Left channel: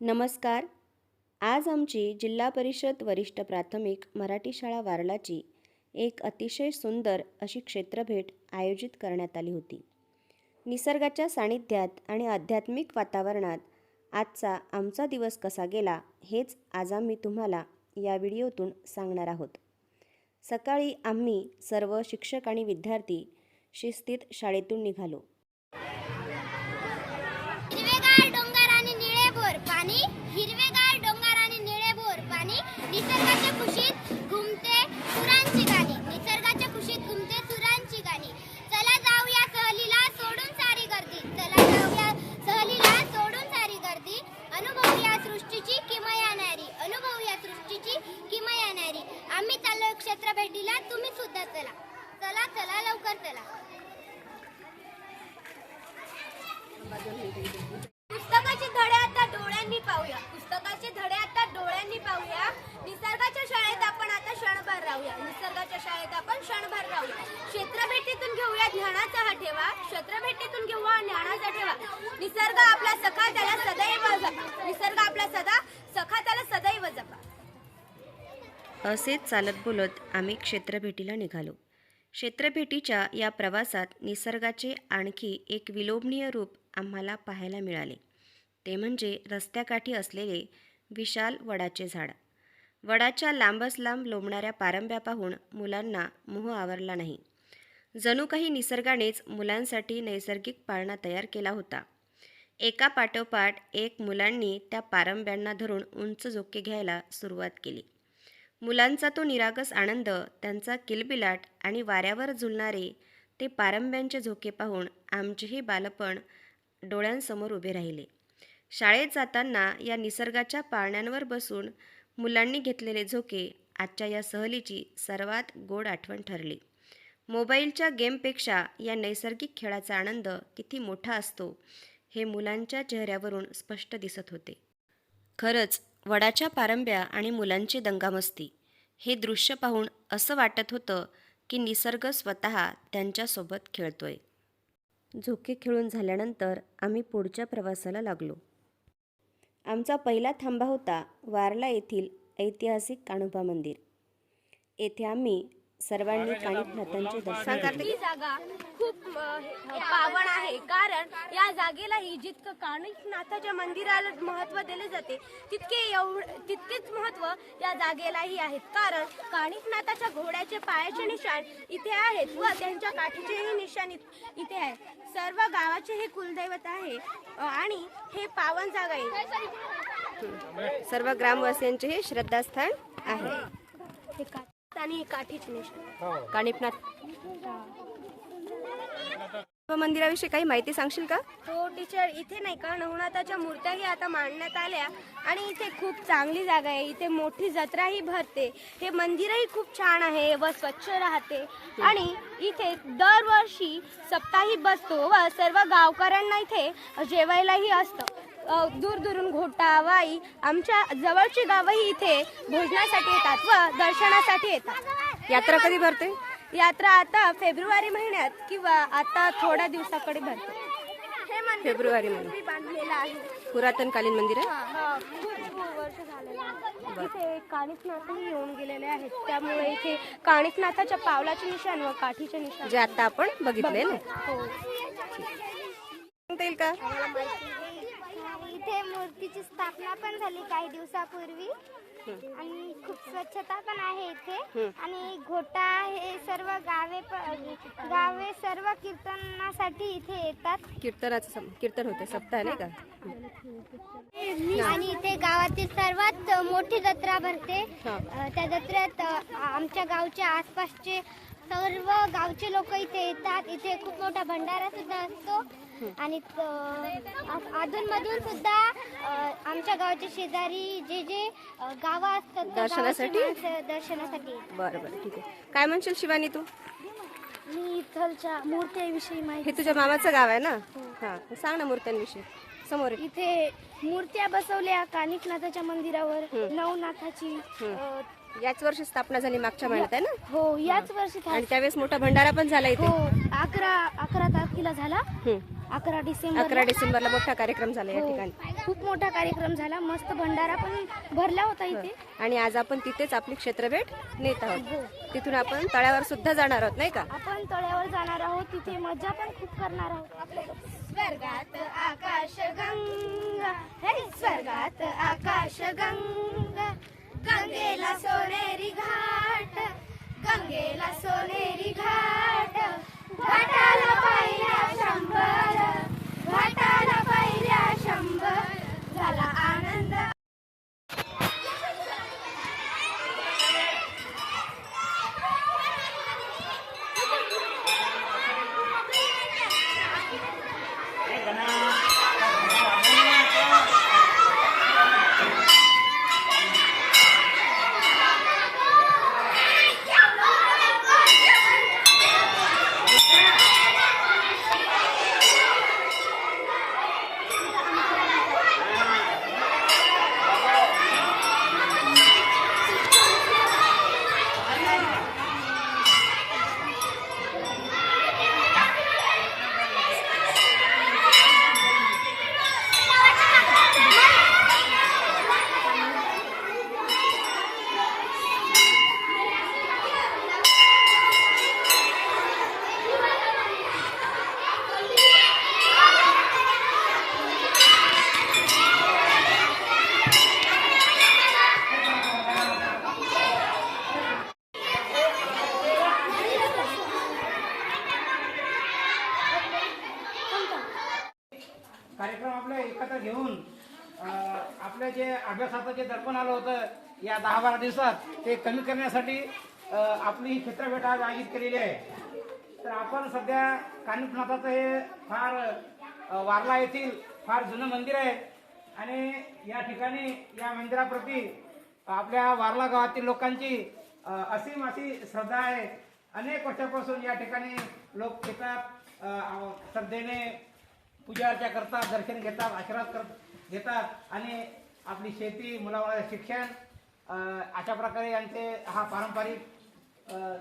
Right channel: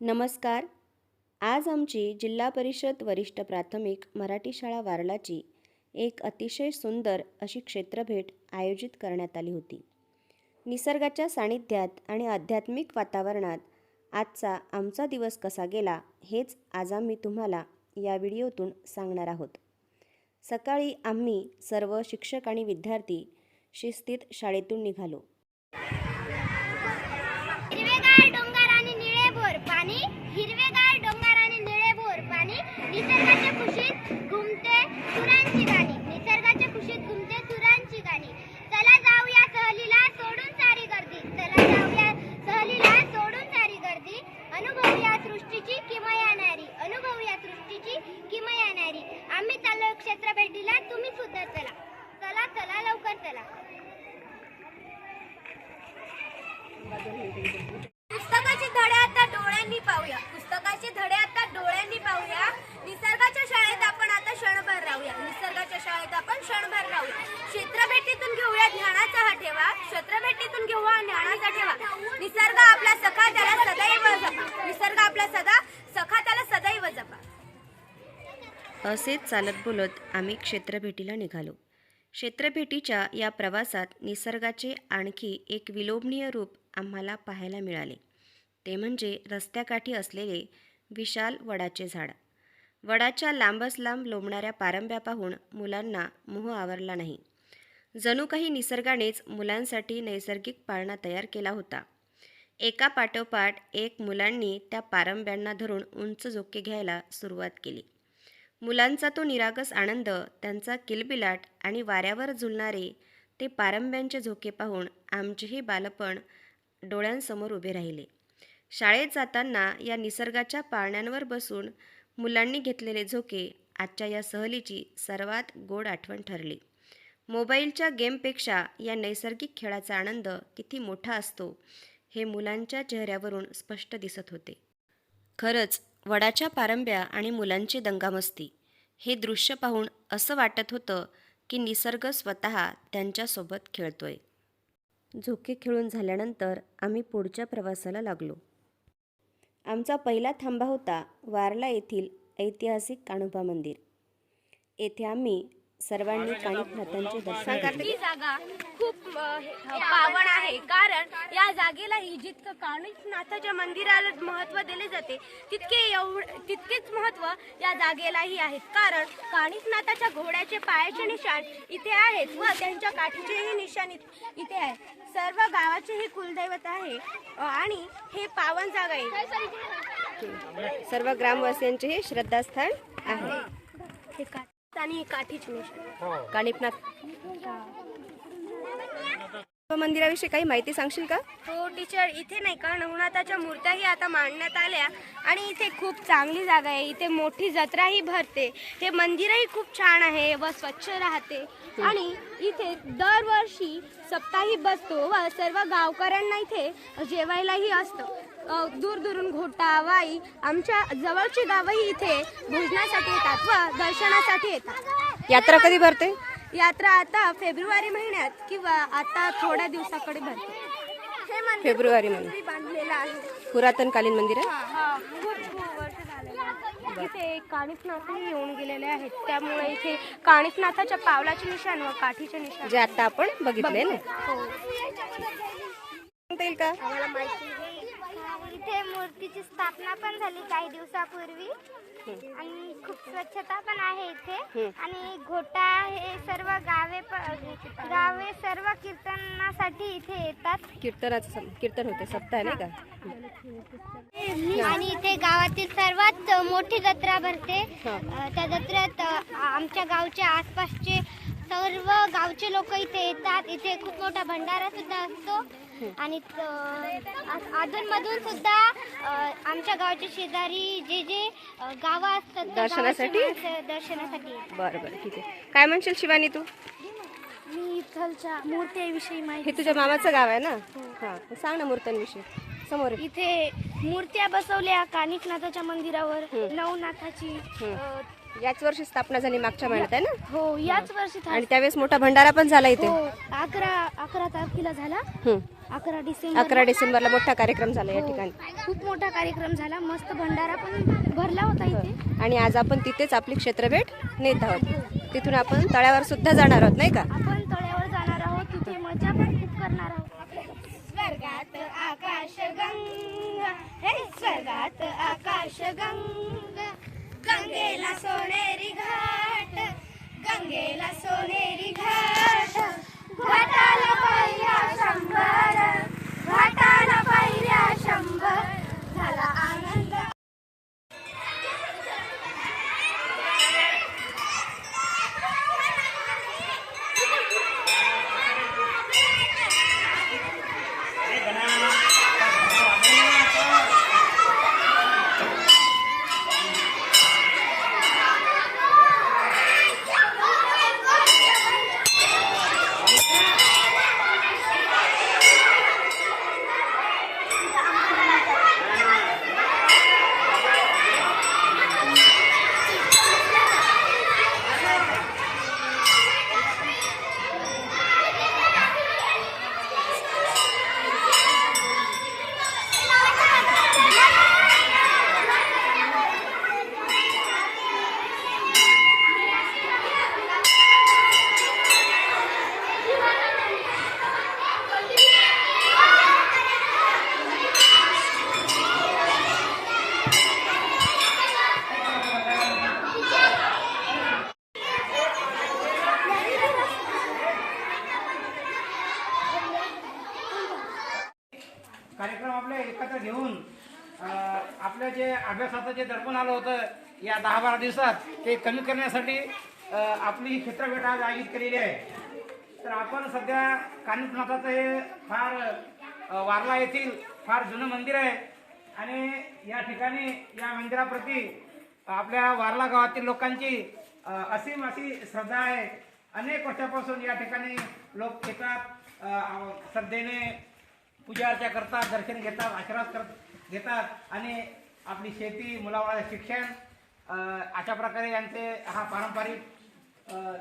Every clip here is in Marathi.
नमस्कार. आज आमची जिल्हा परिषद वरिष्ठ प्राथमिक मराठी शाळा वारलाची एक अतिशय सुंदर अशी क्षेत्रभेट आयोजित करण्यात आली होती. निसर्गाच्या सानिध्यात आणि आध्यात्मिक वातावरणात आजचा आमचा दिवस कसा गेला हेच आज आम्ही तुम्हाला या व्हिडिओतून सांगणार आहोत. सकाळी आम्ही सर्व शिक्षक आणि विद्यार्थी शिस्तीत शाळेतून निघालो. पुस्तकाचे धडे आता डोळ्यांनी पाहूया. पुस्तकाचे धडे आता डोळ्यांनी पाहूया. निसर्गाच्या शाळेत आपण आता क्षणभर राहूया. निसर्गाच्या शाळेत आपण क्षणभर राहूया. क्षेत्रभेटीतून घेऊया ज्ञानाचा हा ठेवा. क्षेत्रभेटीतून घेऊया ज्ञानाचा ठेवा. निसर्ग आपला सखा त्याला सदैव जपा. निसर्ग आपला सदा सखा त्याला सदैव जपा. असेच चालत बोलत आम्ही क्षेत्रभेटीला निघालो. क्षेत्रभेटीच्या या प्रवासात निसर्गाचे आणखी एक विलोभनीय रूप आम्हाला पाहायला मिळाले. ते म्हणजे रस्त्याकाठी असलेले विशाल वडाचे झाड. वडाच्या लांबच लांब लोंबणाऱ्या पारंब्या पाहून मुलांना मोह आवरला नाही. जणू काही निसर्गानेच मुलांसाठी नैसर्गिक पाळणा तयार केला होता. एका पाठोपाठ एक मुलांनी त्या पारंब्यांना धरून उंच झोके घ्यायला सुरुवात केली. मुलांचा तो निरागस आनंद त्यांचा किलबिलाट आणि वाऱ्यावर झुलणारे ते पारंब्यांचे झोके पाहून आमचेही बालपण डोळ्यांसमोर उभे राहिले. शाळेत जाताना या निसर्गाच्या पाळण्यांवर बसून मुलांनी घेतलेले झोके आजच्या या सहलीची सर्वात गोड आठवण ठरली. मोबाईलच्या गेमपेक्षा या नैसर्गिक खेळाचा आनंद किती मोठा असतो हे मुलांच्या चेहऱ्यावरून स्पष्ट दिसत होते. खरंच वडाच्या पारंब्या आणि मुलांची दंगामस्ती हे दृश्य पाहून असं वाटत होतं की निसर्ग स्वतः त्यांच्यासोबत खेळतोय. झोके खेळून झाल्यानंतर आम्ही पुढच्या प्रवासाला लागलो. आमचा पहिला थांबा होता वारला येथील ऐतिहासिक काणोबा मंदिर. येथे आम्ही सर्वांनी काणिकनाथांचे दर्शन घेतले. ही जागा खूप अ, हे- पावन आहे. कारण या जागेलाही जितकं कानिकनाथाच्या मंदिराला महत्त्व दिले जाते तितके एवढ तितकेच महत्त्व या जागेलाही आहे कारण कानिकनाथाच्या घोड्याचे पायाचे निशाण इथे आहेत व त्यांच्या काठीचेही निशाण इत- इथे आहे सर्व गावाचे हे कुलदैवत आहे अ, आणि हे पावन जागा आहे. सर्व ग्रामवासियांचे हे श्रद्धास्थान आहे. हे का- आणि हे. काठीचे काणिपनाथ मंदिराविषयी काही माहिती सांगशील का? हो टीचर इथे नाही का नवनाथाच्या मूर्त्याही आता मांडण्यात आल्या आणि इथे खूप चांगली जागा आहे. इथे मोठी जत्राही भरते. हे मंदिरही खूप छान आहे व स्वच्छ राहते. आणि इथे दरवर्षी सप्ताही बसतो व सर्व गावकऱ्यांना इथे जेवायलाही असतं. दूर दूरून घोटा वाई आमच्या जवळची गावही इथे भोजनासाठी येतात व दर्शनासाठी येतात. यात्रा कधी भरते? यात्रा आता फेब्रुवारी महिन्यात किंवा आता थोड्या दिवसाकडे भरते. फेब्रुवारी मध्ये पूर्वी बांधलेलं आहे. पुरातनकालीन मंदिर आहे? हा, खूप खूप वर्ष झालेलं आहे. इथे काणिकनाथही येऊन गेलेले आहेत. त्यामुळे इथे काणिकनाथाच्या पावलाचे निशाण व काठीचे निशाण जे आता आपण बघितले ना. हो. सांगता येईल का? इथे मूर्तीची स्थापना पण झाली काही दिवसापूर्वी. आणि खूप स्वच्छता पण आहे इथे. आणि घोटा हे सर्व गावे प- गावे सर्व कीर्तनासाठी इथे येतात. कीर्तनाचं सम- कीर्तन होते सप्ताह नाही का? आणि इथे गावातील सर्वात मोठी जत्रा भरते. हा. अ, त्या जत्रेत अ, आमच्या गावच्या आसपासचे सर्व गावचे लोक इथे येतात. इथे खूप मोठा भंडारा सुद्धा असतो. आणि अधून मधून सुद्धा आमच्या गावच्या शेजारी जे जे गावं असतात त्या गावाची दर्शनासाठी? माणसं दर्शनासाठी येतात. बरं बरं ठीक आहे. काय म्हणशील शिवानी तू? मी इथलच्या मूर्तीविषयी माहिती हे तुझ्या मामाचं गाव आहे ना? हा. सांग ना मूर्त्यांविषयी. समोर आहे. इथे मूर्त्या बसवल्या कानिकनाथाच्या मंदिरावर नवनाथाची अ, याच वर्षी स्थापना झाली मागच्या महिन्यात आहे ना? हो याच वर्षी था- आणि त्यावेळेस मोठा भंडारा पण झाला इथे. हो अकरा अकरा तारखेला झाला. हं. अकरा डिसेंबर अकरा डिसेंबरला मोठा कार्यक्रम झाला या ठिकाणी. खूप मोठा कार्यक्रम झाला. मस्त भंडारा पण भरला होता इथे. आणि आज आपण तिथेच आपली क्षेत्रभेट नेत आहोत. तिथून आपण तळ्यावर सुद्धा जाणार आहोत नाही का? आपण तळ्यावर जाणार आहोत. तिथे मजा पण खूप करणार आहोत. स्वर्गात आकाश गंगा. हे स्वर्गात आकाश गंगा. गंगेला सोनेरी घाट. गंगेला सोनेरी घाट. घाटाला शंभर कार्यक्रम आपले एकत्र घेऊन आपलं जे अभ्यासाचं जे दर्पण आलं होतं या दहा बारा दिवसात ते कमी करण्यासाठी आपली ही क्षेत्रभेट आज आयोजित केलेली आहे. तर आपण सध्या कानिपनाथाचं हे फार वारला येथील फार जुनं मंदिर आहे. आणि या ठिकाणी या मंदिराप्रती आपल्या वारला गावातील लोकांची असीम अशी श्रद्धा आहे. अनेक वर्षापासून या ठिकाणी लोक येतात. श्रद्धेने पूजा अर्चा करतात दर्शन घेतात आशीर्वाद करत घेतात. आणि आपली शेती मुलामुलाचं शिक्षण अशा प्रकारे यांचे हा पारंपरिक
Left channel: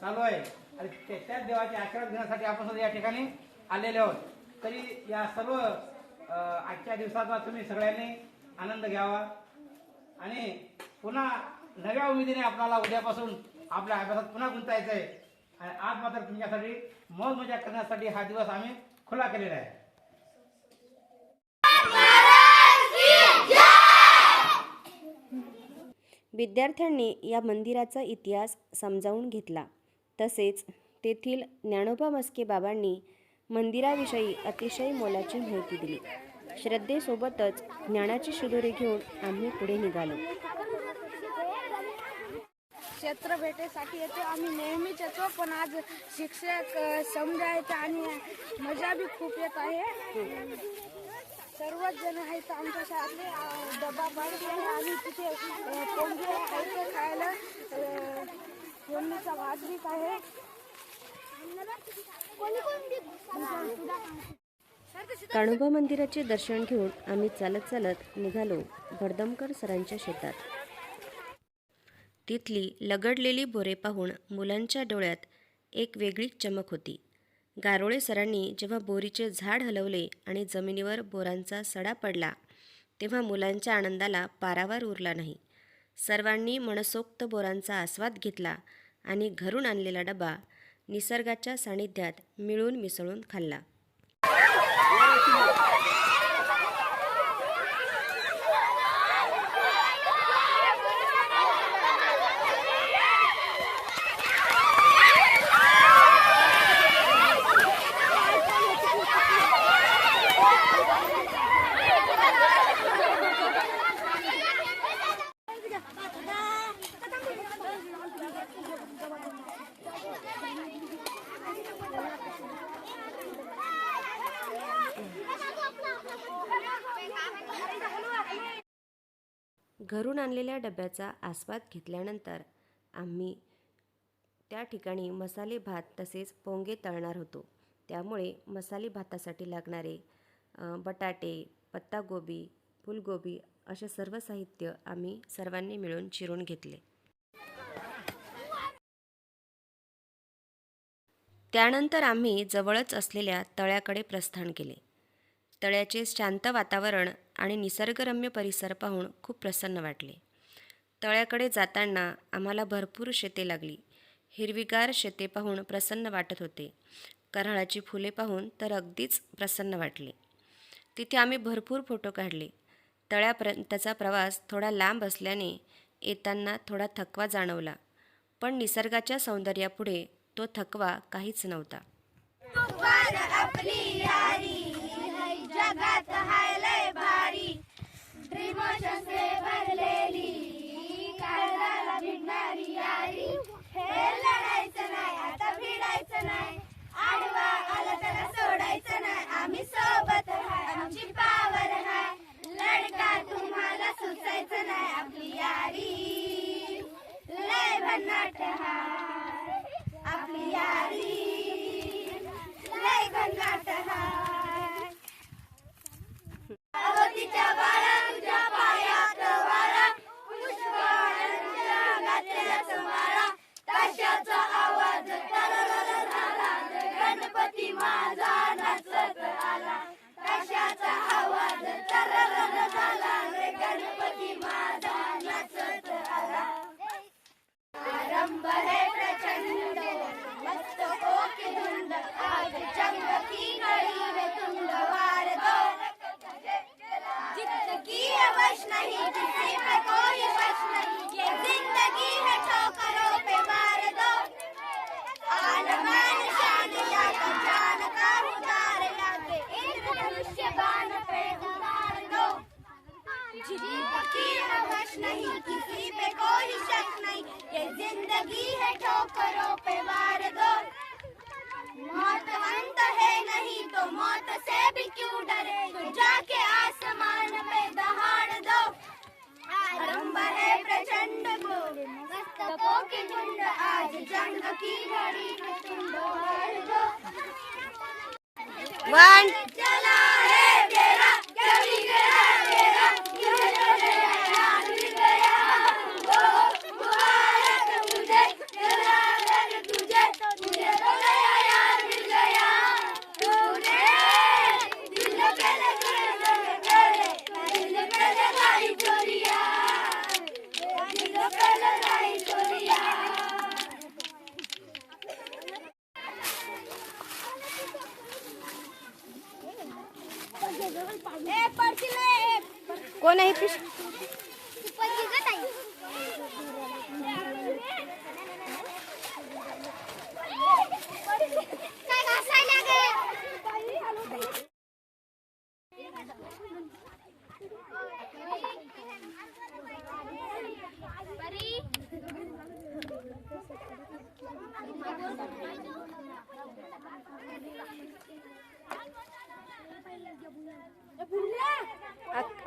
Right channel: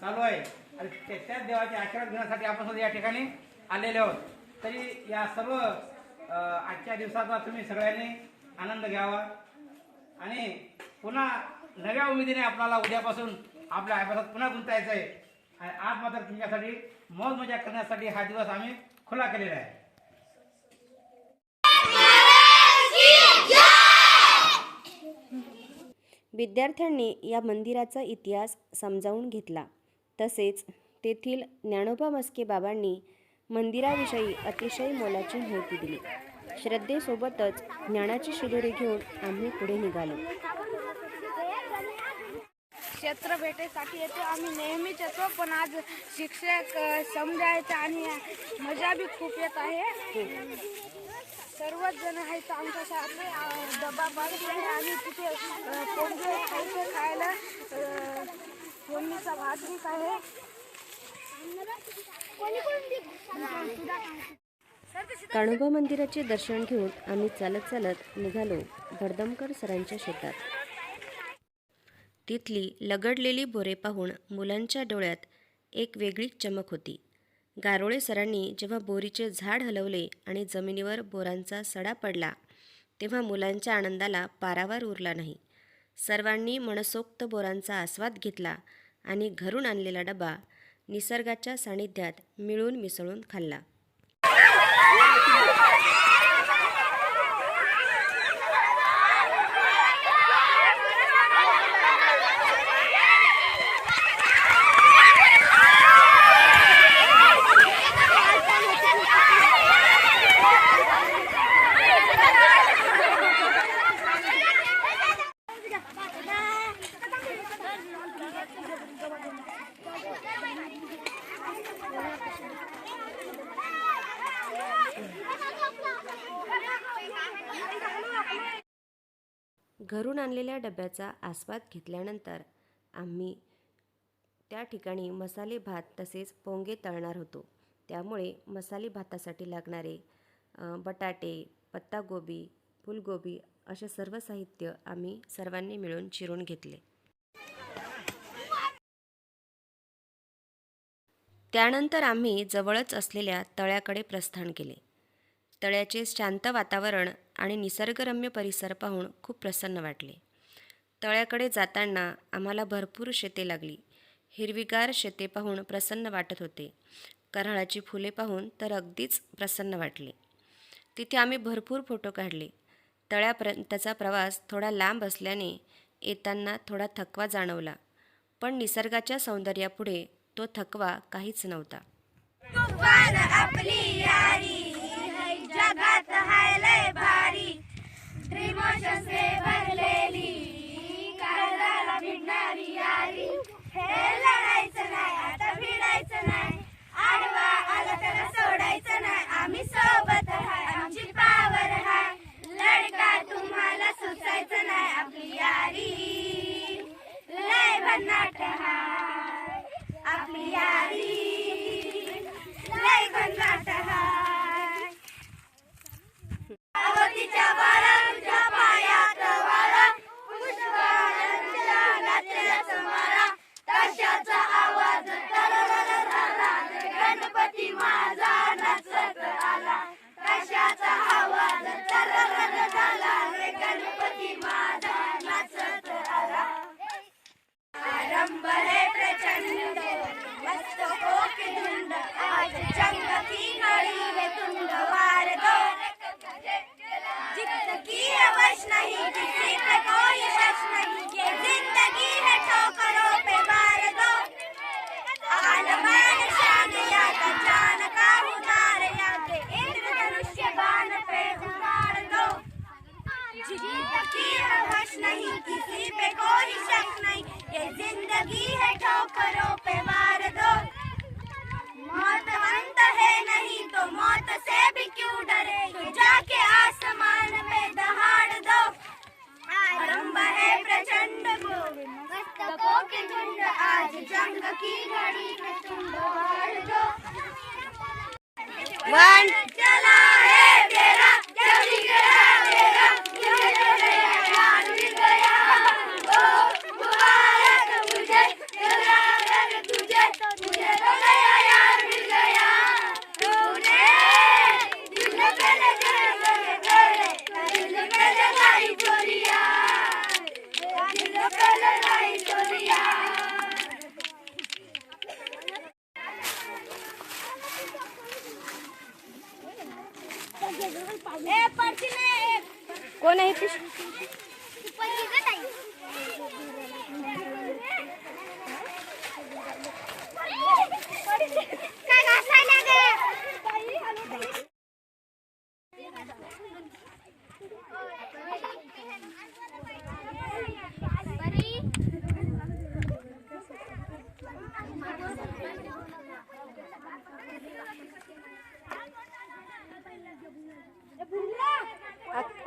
चालू आहे. आणि ते- त्याच देवाचे आशीर्वाद घेण्यासाठी आपण सुद्धा या ठिकाणी आलेले आहोत. तरी या सर्व आजच्या दिवसाचा तुम्ही सगळ्यांनी आनंद घ्यावा. आणि पुन्हा नव्या उमेदीने आपल्याला उद्यापासून आपल्या अभ्यासात पुन्हा गुंतायचं आहे आणि आज मात्र तुमच्यासाठी मौज मजा करण्यासाठी हा दिवस आम्ही खुला केलेला आहे. विद्यार्थ्यांनी या मंदिराचा इतिहास समजावून घेतला. तसेच तेथील ज्ञानोबा मस्के बाबांनी मंदिराविषयी अतिशय मोलाची माहिती दिली. श्रद्धेसोबतच ज्ञानाची शिदोरी घेऊन आम्ही पुढे निघालो. क्षेत्र भेटेसाठी येतो आम्ही नेहमीच येतो पण आज शिक्षक समजायचं आणि मजा बी खूप येत आहे. सर्वच जण आहेत आमच्या शाळेतले. डबा बांधले आहे आणि तिथे पोंगे आहे ते खायला. फोडणीचा भात बी आहे. काणोबा मंदिराचे दर्शन घेऊन आम्ही चालत चालत निघालो भरदमकर सरांच्या शेतात. तिथली लगडलेली बोरे पाहून मुलांच्या डोळ्यात एक वेगळीच चमक होती. गारोळे सरांनी जेव्हा बोरीचे झाड हलवले आणि जमिनीवर बोरांचा सडा पडला तेव्हा मुलांच्या आनंदाला पारावार उरला नाही. सर्वांनी मनसोक्त बोरांचा आस्वाद घेतला आणि घरून आणलेला डबा निसर्गाच्या सानिध्यात मिळून मिसळून खाल्ला. घरून आणलेल्या डब्याचा आस्वाद घेतल्यानंतर आम्ही त्या ठिकाणी मसाले भात तसेच पोंगे तळणार होतो. त्यामुळे मसाले भातासाठी लागणारे बटाटे पत्तागोबी फुलगोबी असे सर्व साहित्य आम्ही सर्वांनी मिळून चिरून घेतले. त्यानंतर आम्ही जवळच असलेल्या तळ्याकडे प्रस्थान केले. तळ्याचे शांत वातावरण आणि निसर्गरम्य परिसर पाहून खूप प्रसन्न वाटले. तळ्याकडे जाताना आम्हाला भरपूर शेते लागली. हिरवीगार शेते पाहून प्रसन्न वाटत होते. कराळाची फुले पाहून तर अगदीच प्रसन्न वाटले. तिथे आम्ही भरपूर फोटो काढले. तळ्यापर्यंतचा प्रवास थोडा लांब असल्याने येताना थोडा थकवा जाणवला. पण निसर्गाच्या सौंदर्यापुढे तो थकवा काहीच नव्हता. भगवान आपली यारी है जगात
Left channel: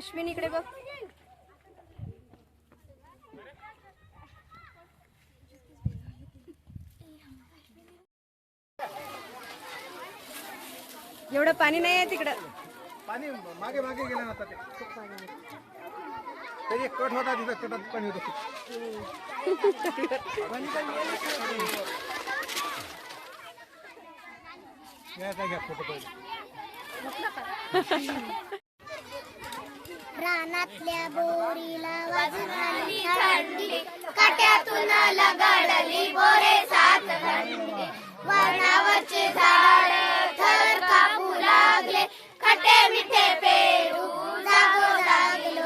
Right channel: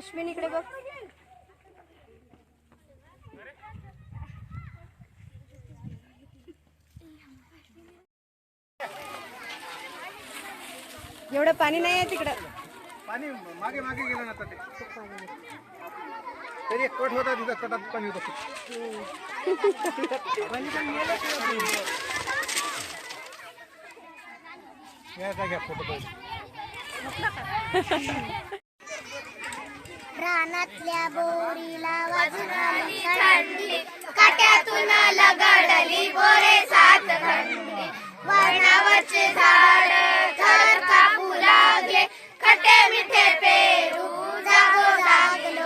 अश्विन इकडे बघ. एवढं पाणी नाही आहे तिकडं. पाणी मागे मागे गेलं ना आता ते तरी एक कट होता तिथं कटात पाणी होतं. घ्या फ़ोटो पाहिजे रानातल्या बोरीला वाजून थंडी काट्यातून लगाडली बोरे सात थंडी वरणावरचे झाड थर कापू लागले. खटे मिठे पेरू जागो जाग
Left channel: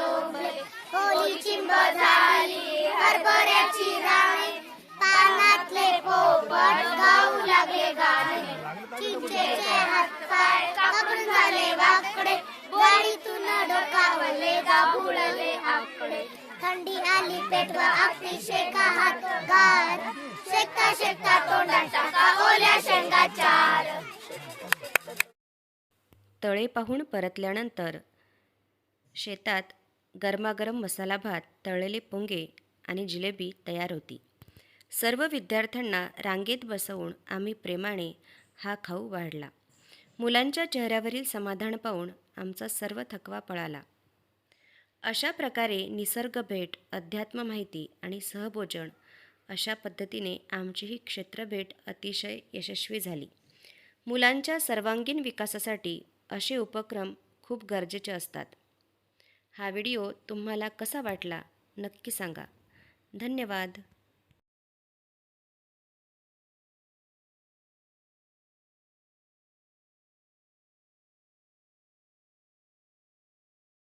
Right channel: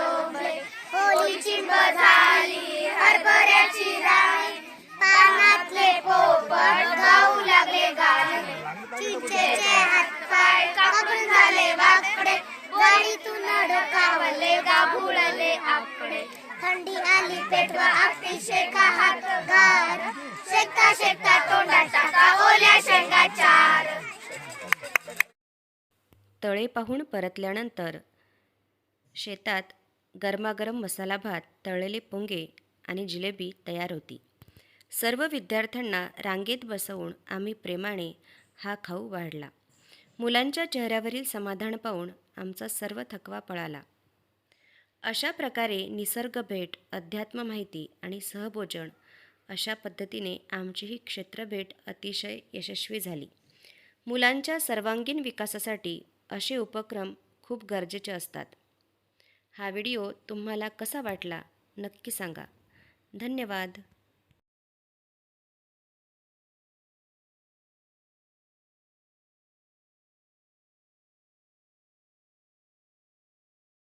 होली चिंब झाली हरभऱ्याची राणी. कानातले पोपट गाऊ लागले गाणे. चिंचेचे हातपाय कापून झाले वाकडे. गाडीतून डोकावले गाभुळले आपले थंडी आली पेटवा आपली शेका हात गार. शेकता शेकता तोंडात टाका ओल्या शेंगा चार. तळे पाहून परतल्यानंतर शेतात गरमागरम मसाला भात तळलेले पोंगे आणि जिलेबी तयार होती. सर्व विद्यार्थ्यांना रांगेत बसवून आम्ही प्रेमाने हा खाऊ वाढला. मुलांच्या चेहऱ्यावरील समाधान पाहून आमचा सर्व थकवा पळाला. अशा प्रकारे निसर्ग भेट अध्यात्म माहिती आणि सहभोजन अशा पद्धतीने आमची ही क्षेत्रभेट अतिशय यशस्वी झाली. मुलांच्या सर्वांगीण विकासासाठी असे उपक्रम खूप गरजेचे असतात. हा व्हिडिओ तुम्हाला कसा वाटला नक्की सांगा. धन्यवाद.